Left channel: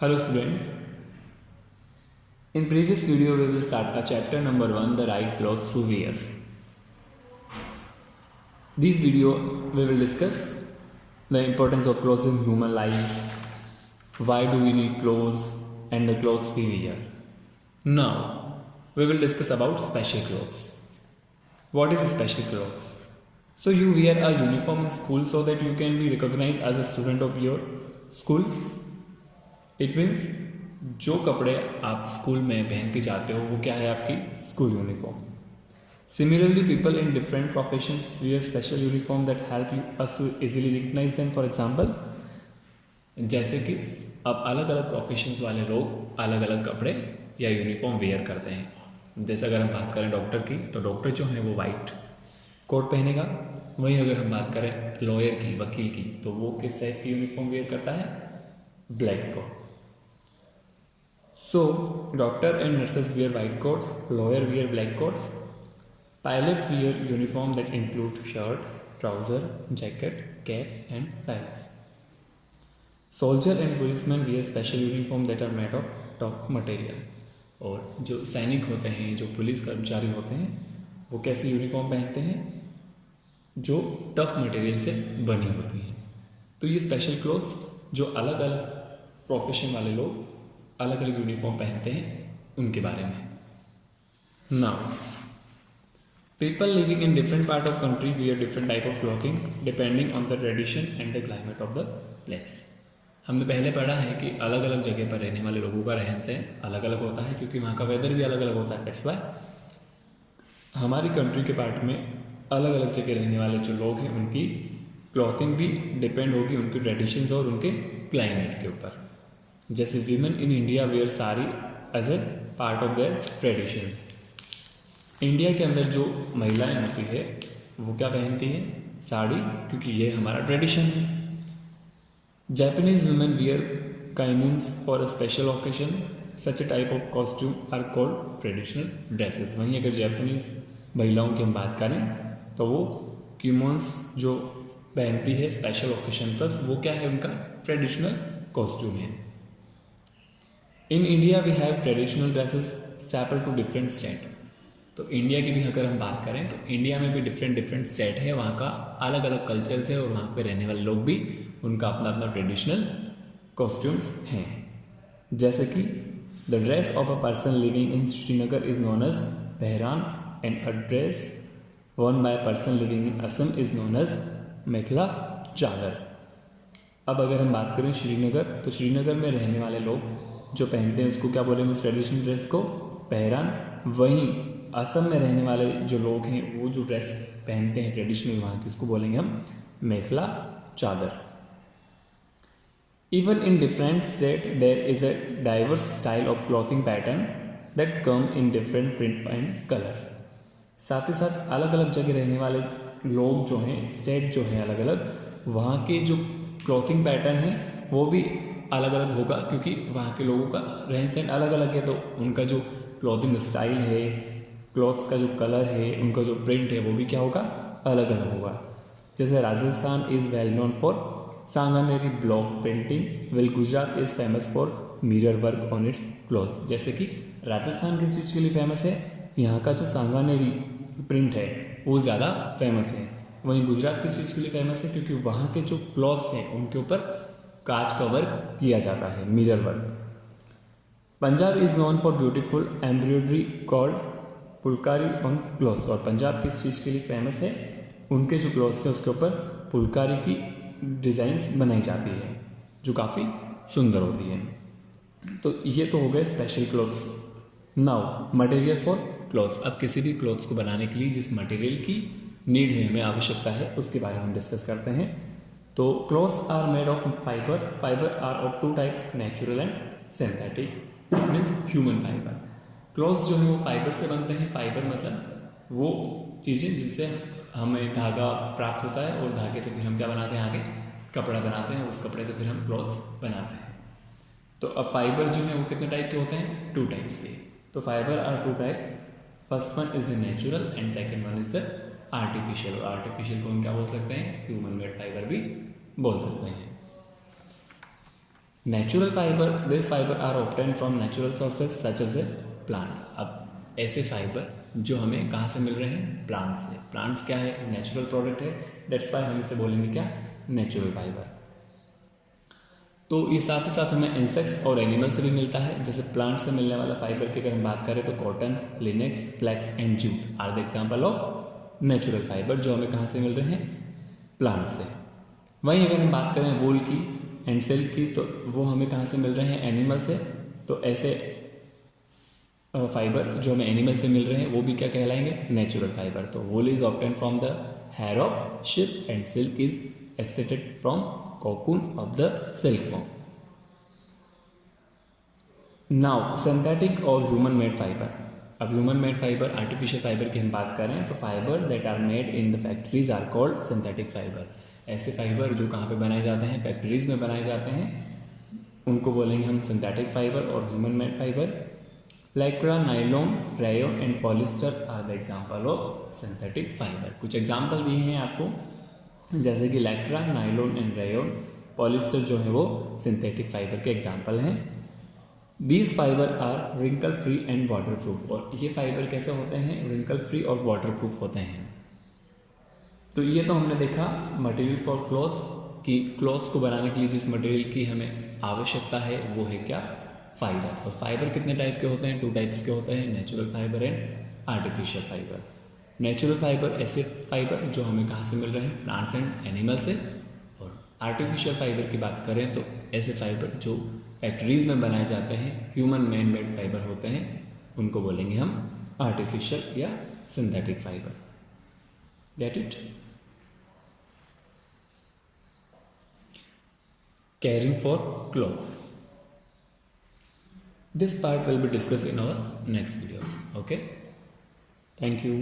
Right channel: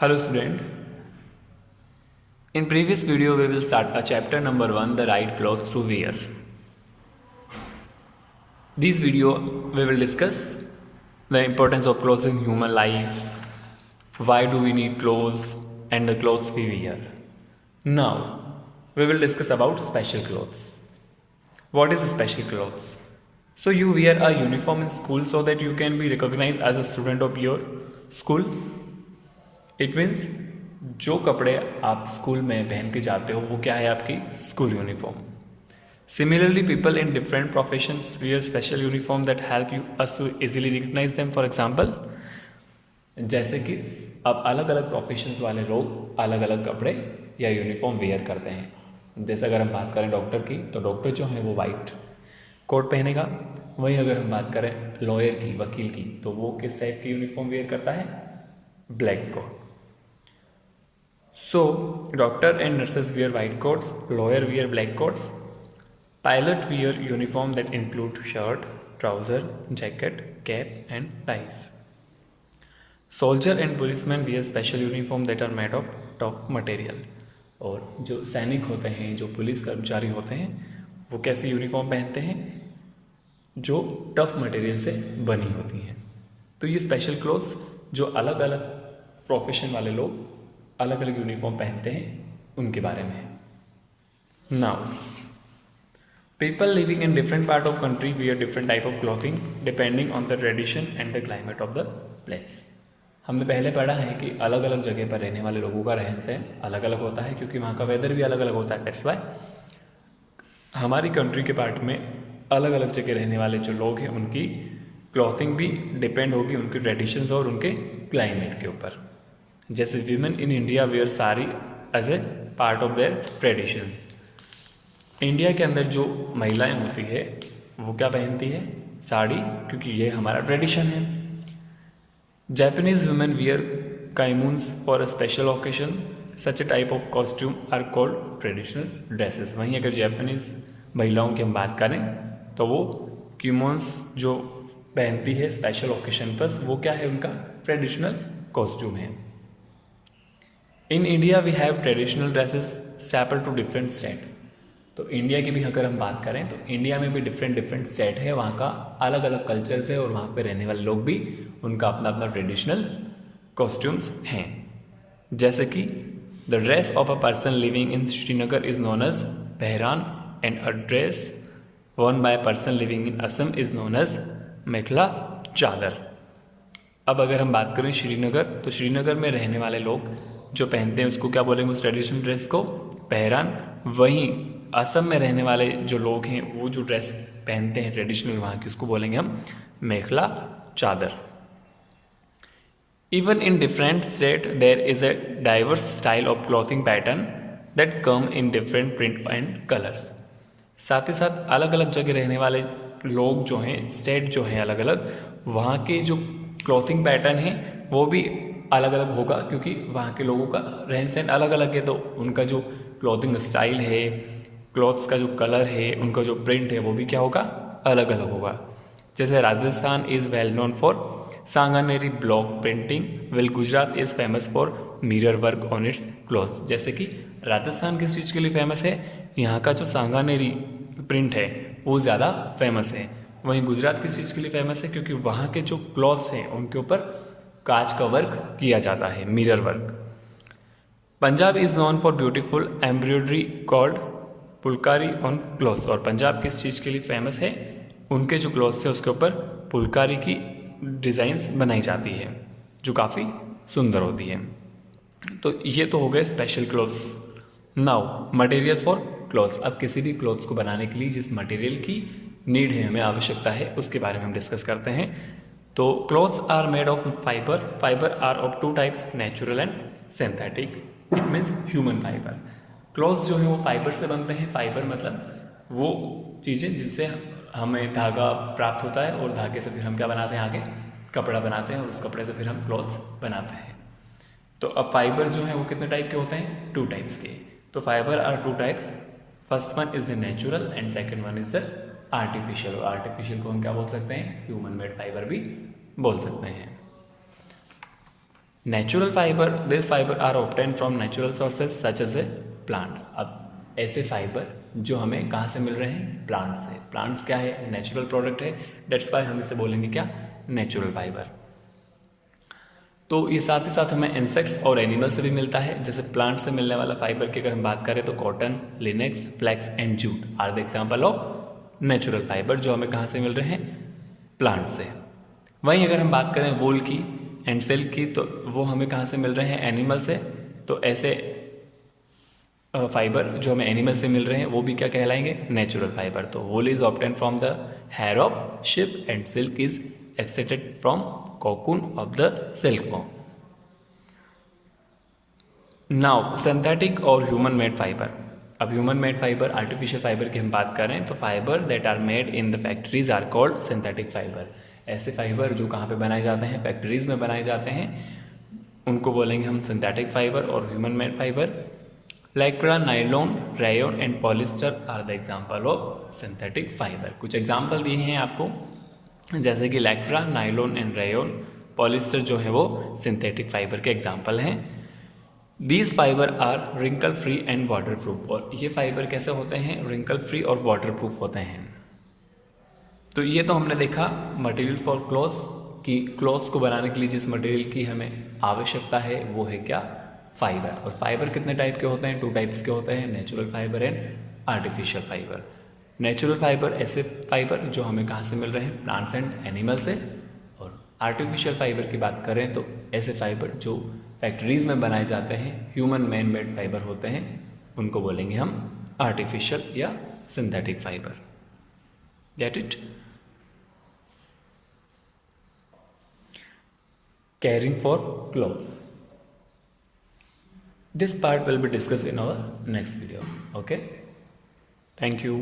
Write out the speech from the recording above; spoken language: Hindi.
Hello student. In previous video we will start a chapter number 1, the right clothes to wear. This video we will discuss the importance of clothes in human life, why do we need clothes and the clothes we wear. Now we will discuss about special clothes. What is special clothes? So you wear a uniform in school so that you can be recognized as a student of your school. It means जो कपड़े आप स्कूल में पहन के जाते हो वो क्या है आपकी school uniform. Similarly, people in different professions wear special uniform that help you us to easily recognize them. For example, जैसे कि अब अलग अलग प्रोफेशंस वाले लोग अलग अलग कपड़े या यूनिफॉर्म वेयर करते हैं. जैसे अगर हम बात करें डॉक्टर की तो डॉक्टर जो है वो वाइट कोट पहनेगा. वहीं अगर हम बात करें लॉयर की, वकील की, तो वो किस टाइप की यूनिफॉर्म वेयर करता है? Black coat. So, doctor and nurses wear white coats, lawyer wear black coats, pilot wear uniform that include shirt, trouser, jacket, cap and ties. Soldier and policemen wear special uniform that are made of tough material. और जो सैनिक होते हैं, जो पुलिस कर्मचारी होते हैं, वो कैसी यूनिफॉर्म पहनते हैं? जो टफ मटेरियल से बनी होती हैं. तो ये स्पेशल क्लोथ्स जो अलग अलग प्रोफेशन वाले लोग अलग अलग यूनिफॉर्म पहनते हैं उनके बारे में. Now people living in different part of country wear different type of clothing depending on the tradition and the climate of the place. हमने पहले पढ़ा है कि अलग अलग जगह पर रहने वाले लोगों का रहन सहन अलग अलग होता है क्योंकि वहाँ का वेदर भी अलग अलग होता है. दैट्स वाई हमारी कंट्री के पार्ट में अलग अलग जगह रहने वाले जो लोग हैं उनकी क्लॉथिंग भी डिपेंड होगी उनके ट्रेडिशंस और उनके क्लाइमेट के ऊपर. जैसे women in India wear sari as a part of their traditions. India के अंदर जो महिलाएं होती है वो क्या पहनती है? साड़ी, क्योंकि ये हमारा ट्रेडिशन है. Japanese women wear kimonos for a special occasion. Such a type of costume are called traditional dresses. वहीं अगर जापानीज महिलाओं की हम बात करें तो वो किमोन्स जो पहनती है स्पेशल ओकेशन पर, वो क्या है? उनका ट्रेडिशनल कॉस्ट्यूम है. In India we have traditional dresses staple to different state. तो इंडिया की भी अगर हम बात करें तो इंडिया में भी डिफरेंट स्टेट है, वहाँ का अलग अलग कल्चर्स है और वहाँ पे रहने वाले लोग भी उनका अपना अपना ट्रेडिशनल कॉस्ट्यूम्स हैं. जैसे कि the dress of a person living in Srinagar is known as pheran and a dress worn by person living in Assam is known as mekhela chador. अब अगर हम बात करें श्रीनगर, तो श्रीनगर में रहने वाले लोग जो पहनते हैं उसको क्या बोलेंगे? उस ट्रेडिशनल ड्रेस को पहरान. वहीं असम में रहने वाले जो लोग हैं वो जो ड्रेस पहनते हैं ट्रेडिशनल वहाँ की, उसको बोलेंगे हम mekhela chador. Even in different state there is a diverse style of clothing pattern that come in different print and colours. साथ ही साथ अलग अलग जगह रहने वाले लोग जो हैं, स्टेट जो हैं अलग अलग, वहाँ के जो क्लॉथिंग पैटर्न है वो भी अलग अलग होगा क्योंकि वहाँ के लोगों का रहन सहन अलग अलग है. तो उनका जो क्लॉथिंग स्टाइल है, क्लॉथ्स का जो कलर है, उनका जो प्रिंट है वो भी क्या होगा? अलग अलग होगा. जैसे Rajasthan is well known for Sanganeri block printing, well Gujarat is famous for mirror work on it's cloth. जैसे कि राजस्थान किस चीज़ के लिए फेमस है? यहाँ का जो सांगानेरी प्रिंट है वो ज़्यादा फेमस है. वहीं गुजरात किस चीज़ के लिए फेमस है? क्योंकि वहाँ के जो क्लॉथ्स हैं उनके ऊपर कांच का वर्क किया जाता है, mirror work. Punjab is known for beautiful embroidery called phulkari on clothes. और पंजाब किस चीज़ के लिए फेमस है? उनके जो क्लॉथ्स है उसके ऊपर पुलकारी की डिज़ाइंस बनाई जाती है जो काफ़ी सुंदर होती है. तो ये तो हो गए special clothes. Now material for clothes. अब किसी भी क्लॉथ्स को बनाने के लिए जिस मटेरियल की नीड है, हमें आवश्यकता है, उसके बारे में हम डिस्कस करते हैं. तो clothes are made of fibre. Fibre are of two types, natural and synthetic. It means human fibre. Clothes जो है वो फाइबर से बनते हैं. फाइबर मतलब वो चीज़ें जिनसे हमें धागा प्राप्त होता है और धागे से फिर हम क्या बनाते हैं? आगे कपड़ा बनाते हैं. उस कपड़े से फिर हम क्लॉथ्स बनाते हैं. तो अब फाइबर जो है वो कितने टाइप के होते हैं? 2 टाइप्स के. तो fibre are 2 types. First one is the natural and second one is the artificial. Artificial को हम क्या बोल सकते हैं? ह्यूमन मेड फाइबर भी बोल सकते हैं. Natural fibre, this fibre are obtain from natural sources such as a plant. अब ऐसे फाइबर जो हमें कहाँ से मिल रहे हैं, प्लांट से। प्लांट्स क्या है, नेचुरल प्रोडक्ट है, दैट्स वाई हम इसे बोलेंगे क्या, नेचुरल फाइबर। तो ये साथ ही साथ हमें इंसेक्ट्स और एनिमल से भी मिलता है। जैसे प्लांट से मिलने वाला फाइबर की अगर हम बात करें तो cotton, linen, flax and jute are the example of natural fibre जो हमें कहाँ से मिल रहे हैं, प्लांट से। वहीं अगर हम बात करें वूल की एंड सिल्क की तो वो हमें कहाँ से मिल रहे हैं, एनिमल से। तो ऐसे फाइबर जो हमें एनिमल से मिल रहे हैं वो भी क्या कहलाएंगे, नेचुरल फाइबर। तो wool is obtain from the hair of sheep and silk is extracted from cocoon of the silk form. Now synthetic और ह्यूमन मेड फाइबर। अब human made fibre, artificial fibre की हम बात करें तो fibre that are made in the factories are called synthetic fibre. ऐसे फाइबर जो कहाँ पे बनाए जाते हैं, फैक्ट्रीज में बनाए जाते हैं, उनको बोलेंगे हम सिंथेटिक फाइबर और human made fibre. Lycra, nylon, rayon and polyester are the example of synthetic fibre. कुछ एग्जाम्पल दिए हैं आपको, जैसे कि Lycra, nylon and rayon, polyester जो है वो सिंथेटिक फाइबर के एग्जाम्पल हैं। These fibre are wrinkle free and waterproof. और ये फाइबर कैसे होते हैं, रिंकल फ्री और वाटर प्रूफ होते हैं। तो ये तो हमने देखा मटेरियल फॉर क्लॉथ्स की, क्लॉथ्स को बनाने के लिए जिस मटेरियल की हमें आवश्यकता है वो है क्या, फाइबर। और फाइबर कितने टाइप के होते हैं, 2 टाइप्स के होते हैं, natural fibre and artificial fibre. Natural fibre ऐसे फाइबर जो हमें कहाँ से मिल रहे हैं, प्लांट्स एंड एनिमल से। और आर्टिफिशियल फाइबर की बात करें तो ऐसे फाइबर जो फैक्ट्रीज में बनाए जाते हैं, ह्यूमन मैन मेड फाइबर होते हैं, उनको बोलेंगे हम आर्टिफिशियल या synthetic fibre. Get it? Caring for clothes. This part will be discussed in our next video. Okay? Thank you.